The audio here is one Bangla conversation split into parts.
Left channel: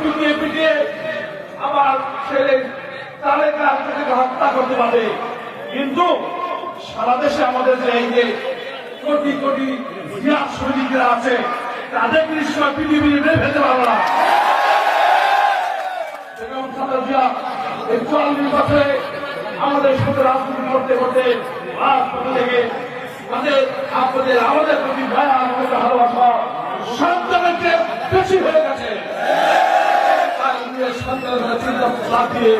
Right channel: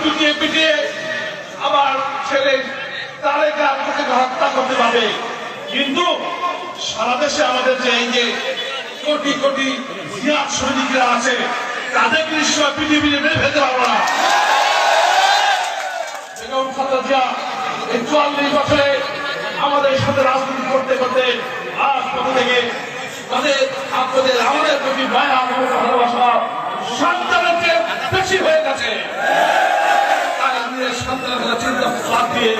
পিটিয়ে পিটিয়ে আমার ছেলে তারেক আত্মকে হত্যা করতে পারবে। কিন্তু সারা দেশে আমাদের যে যে কোটি কোটি জিয়া সৈনিকরা আছে, তাদের নিশ্চয় পৃথিবী মেরে ফেলতে পারব না। বছরে আমাদের সাথে রাজনীতি করতে করতে আজ পথে থেকে তাদের আমাদের প্রতি মায়া, মমতা, ভালোবাসা, সন্তানের চেয়ে বেশি হয়ে গেছে। তারা সন্তানের দিয়ে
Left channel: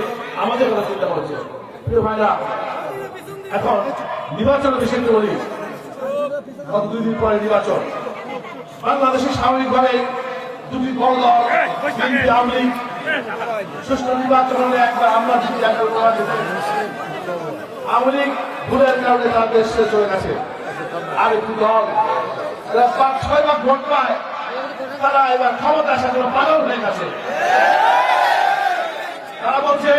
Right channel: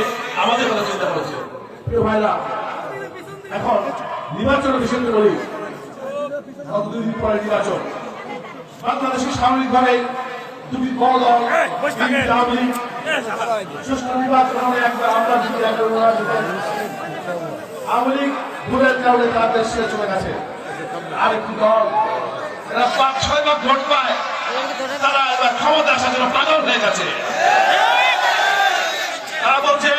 আমাদের কথা চিন্তা করেছে প্রিয় এখন নির্বাচনের বিষয় বলি পরে নির্বাচন বাংলাদেশে স্বাভাবিকভাবে দুটি দল আওয়ামী সুষ্ঠু নির্বাচন হলে একবার আমরা চলে গেছে আর একটি দল পাঁচ, ছয় বার ভোট পায়। তারা এবার ক্ষমতা আসার জন্য পাগল হয়ে গেছে। তারা বলছে,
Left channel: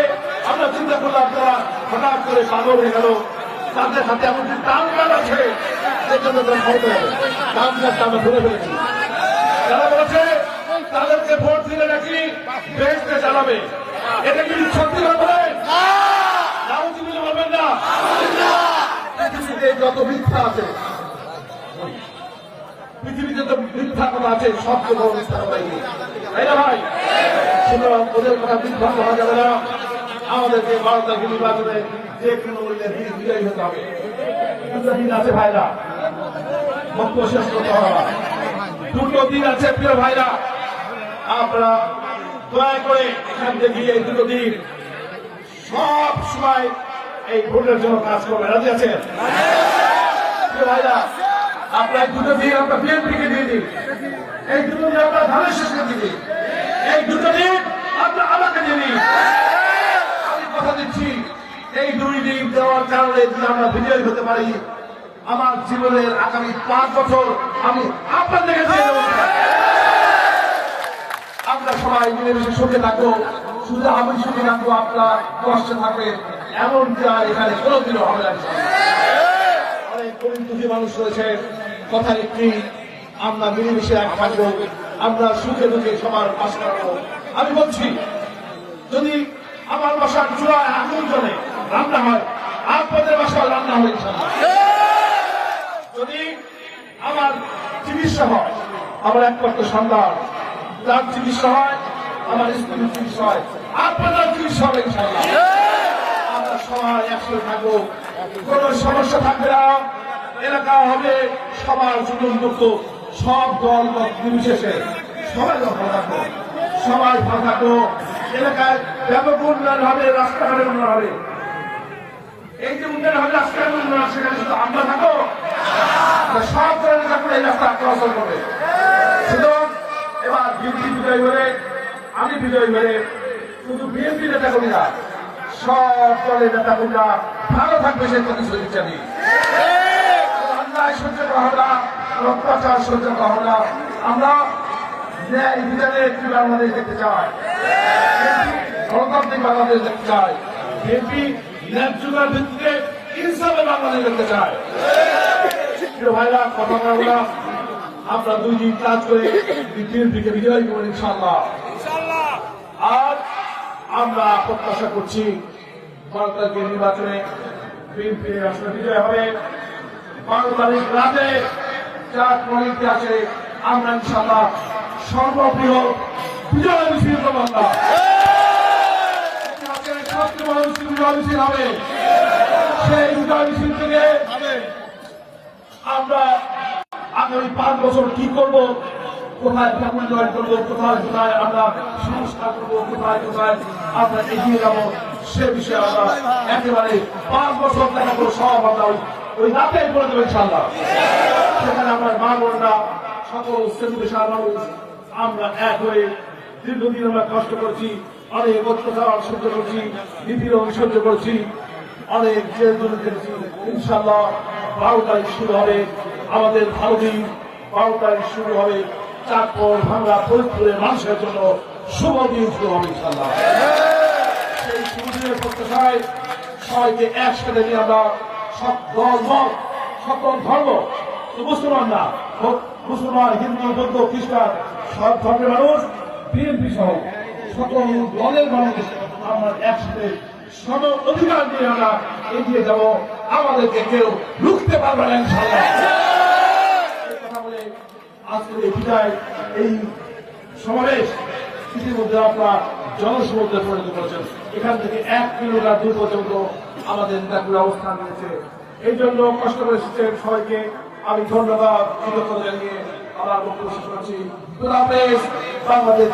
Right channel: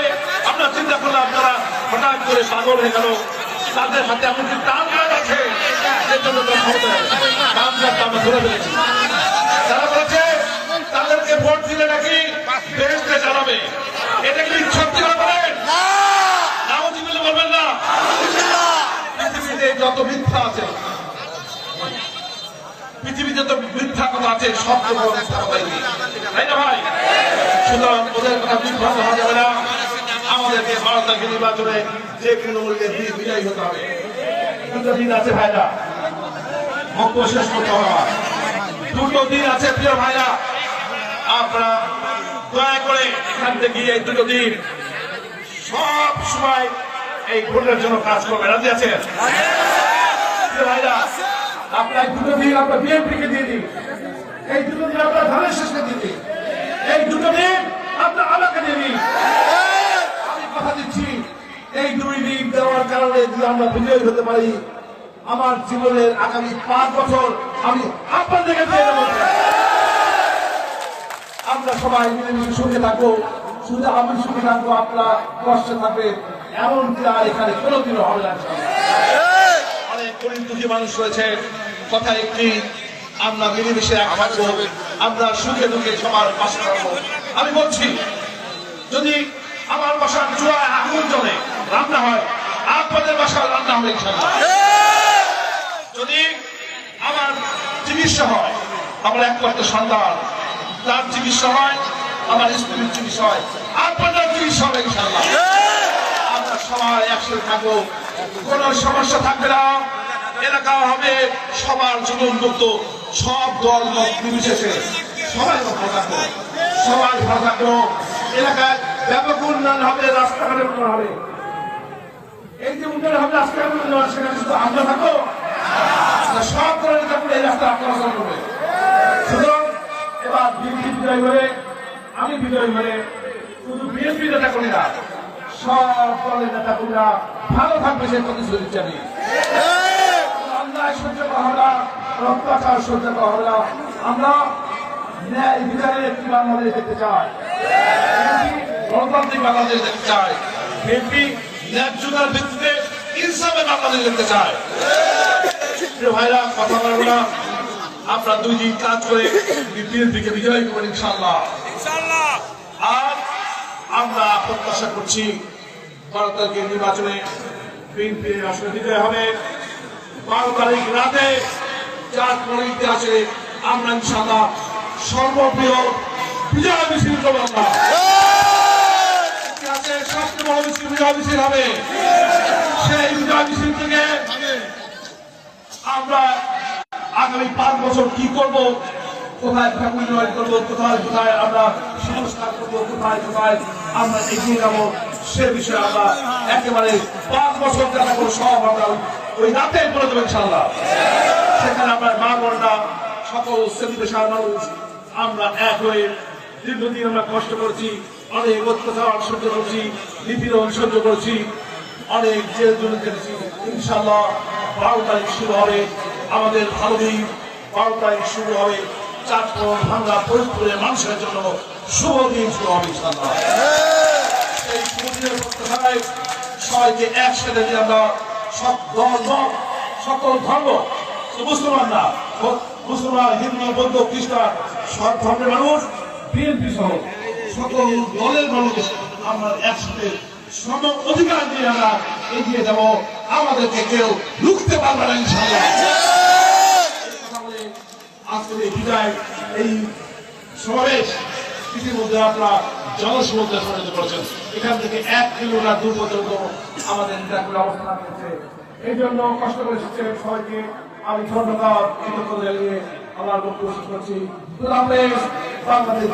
আমরা চিন্তা করলাম তারা হঠাৎ করে পাগল হয়ে গেল, তাদের হাতে এমন কি টান আছে, এর জন্য তারা আমরা তাদেরকে ভোট দিলে নাকি জানাবে এটা কি সত্যি কথা বলেন নামজিবুল্লাহ বলবেন না। যত মিথ্যা আছে, পৃথিবীতে তো মিথ্যা কথা আছে, সব কথা তাই না ভাই? ওদের কথা বিভ্রান্ত আমাদেরকে ভারত নির্বাচনে যে কোনো মূল্যে বিজয়ী হতে হবে। দুটো দিন আছে ভাইরা। বক্তব্য শেষ করতে দুটো দিন আছে প্রিয় ভাইরা। আপনারা দয়া করে এখান থেকে এই দুটো দিন সব সময় এই ভোটের জন্য কাজ করবে রাজি প্রিয় ভাইরা, আপনার দুটো দিন আমরা বিএনপিকে দিন এই দুটো দিন আমরা ধানের শেষকে দিয়ে দিন এই দুটো দিন আমরা আমাকে দিয়ে দিন আমি কথা দিচ্ছি এই দুই দিন দেওয়ার কারণে যদি আমরা বিজয়ী হতে পারি, আমার জীবনের আগামী পাঁচ বছর আমি আপনাদেরকে দিয়ে আমরা সবাই মিলেমিশে সুখে থাকব শুধু আমি সুখে থাকব, আপনারা কষ্টে থাকে এমন কি আর এখানে কোনোদিনও হবে না। অনেক গরিব দুঃখী মানুষ রয়েছে। কথা একটি, আমরা মিলেমিশে এক থাকব। আমরা সুখে দুঃখে সবার পাশে থাকব। আমি বলছি, যদি আমার বাসার চূড়ায় আগুন জ্বলে, রান্না হয় আপনাদের বাসায় রান্না হবে যদি আমার চিকিৎসা হয় আমার একমাত্র সন্তান, তার চিকিৎসা হয় আমার স্ত্রীর চিকিৎসা হয় আপনাদের চিকিৎসা হবে ইনশাল্লাহ আমরা সবাই একসাথে থাকব, কোন সমস্যা থাকবে না। এলাকা হবে সবার জুলুম মুক্ত সব দল নির্বিশেষে। সবাই থাকব সবাই থাকব। এলাকায় ব্যাপক উন্নয়ন হবে রাস্তাঘাটের উন্নয়ন হবে। এই যে উন্নয়ন হবে উন্নয়ন সেখানে শুধু আমরা থাকব? না সব ধরনের থাকবে এই রাস্তা আপনারা চল করবে সুতরাং এবার বিএনপি বিজয়ী হয়ে, আমি বিজয়ী হয়ে শুধু বিএনপি নেতা করি না সব দলের নেতা কর্মীরা ভালো থাকবে সে শুধু জানি অন্যায় সহ্য করা না, অত্যাচার সহ্য করা আমরা ন্যায় বিচারের একটি বাংলাদেশ দেখতে চাই। গণতান্ত্রিক বাংলাদেশ দেখতে চাই। বিএনপি ন্যায্যতার ভিত্তিতে ইনসাফের বাংলাদেশ দেখতে চায়। ভাইরা কথা বলব না। আমরা দুই দিন কাজ করে বিএনপিকে বিজয়ী ইনশাল্লাহ আর আমরা প্রত্যাশা করছি বারো তারিখের নির্বাচনে বিএনপি আসলে বিজয় হবে। বারো তারিখ রাতে চার পরিণতি আছে আমরা ইনশাল্লাহ সর্বপ্রিয় বিজয় মিছিল করব আমরা। আছে সবচেয়ে বড় মিছিল হবে? সেই বিজয় মিছিল থেকে আমরা আগামী পাঁচ বছর কি করব? কোথায় উন্নয়ন করব? কোথায় কোথায় আমরা সংস্কার করব? কোথায় কোথায় আমরা এগিয়ে যাব? সে বিষয়ে আমরা একেবারে পাঁচ বছর দেখা করে সব আমরা ওই রাতে বলে দেবো ইনশাল্লাহ সেখানে আমরা মা বোনরা সকল শ্রেণি পেশার মানুষ আমরা এক হয়ে দীর্ঘদিন আমরা কষ্ট করেছি। অনেক অত্যাচার সহ্য করেছি, নিপীড়ন সহ্য করেছি, অনেক জেল জুল কেটেছি ইনশাল্লাহ বারো তারিখ শুরু হবে, আমাদের ভালো দিন। বারো তারিখ শুরু হবে চারপর ভাঙ্গা, ফরিদপুরের মানুষের জন্য শুভ দিন শুরু হবে ইনশাল্লাহ সেই শুভ দিনের প্রত্যাশায় সবাইকে একসাথে নিয়ে আমরা সব মত, সকল ধর্ম মুসলমান না, মুসলমান, হিন্দু, বৌদ্ধ, খ্রিস্টান, সব ধর্মের মানুষ বিএনপি সহ সকল দলের মানুষ আমরা একসাথে সম অধিকার দিয়ে আমরা এগিয়ে যাব। আমাদেরকে কেউ রুখতে পারবে না বলে আজকের এই বিদায়, এই সমাবেশ ইতিমধ্যে আপনারা জনসমুদ্রে পরিণত করেছেন। এখান থেকে এক কিলোমিটার দূর পর্যন্ত আমাদের নেতাগুলো অবস্থান রয়েছে। এই জন্য কষ্ট করে এসেছেন সবাইকে। আমি ধন্যবাদ, কৃতজ্ঞতা জানিয়ে আমার বক্তব্য শেষ করছি। বাংলাদেশ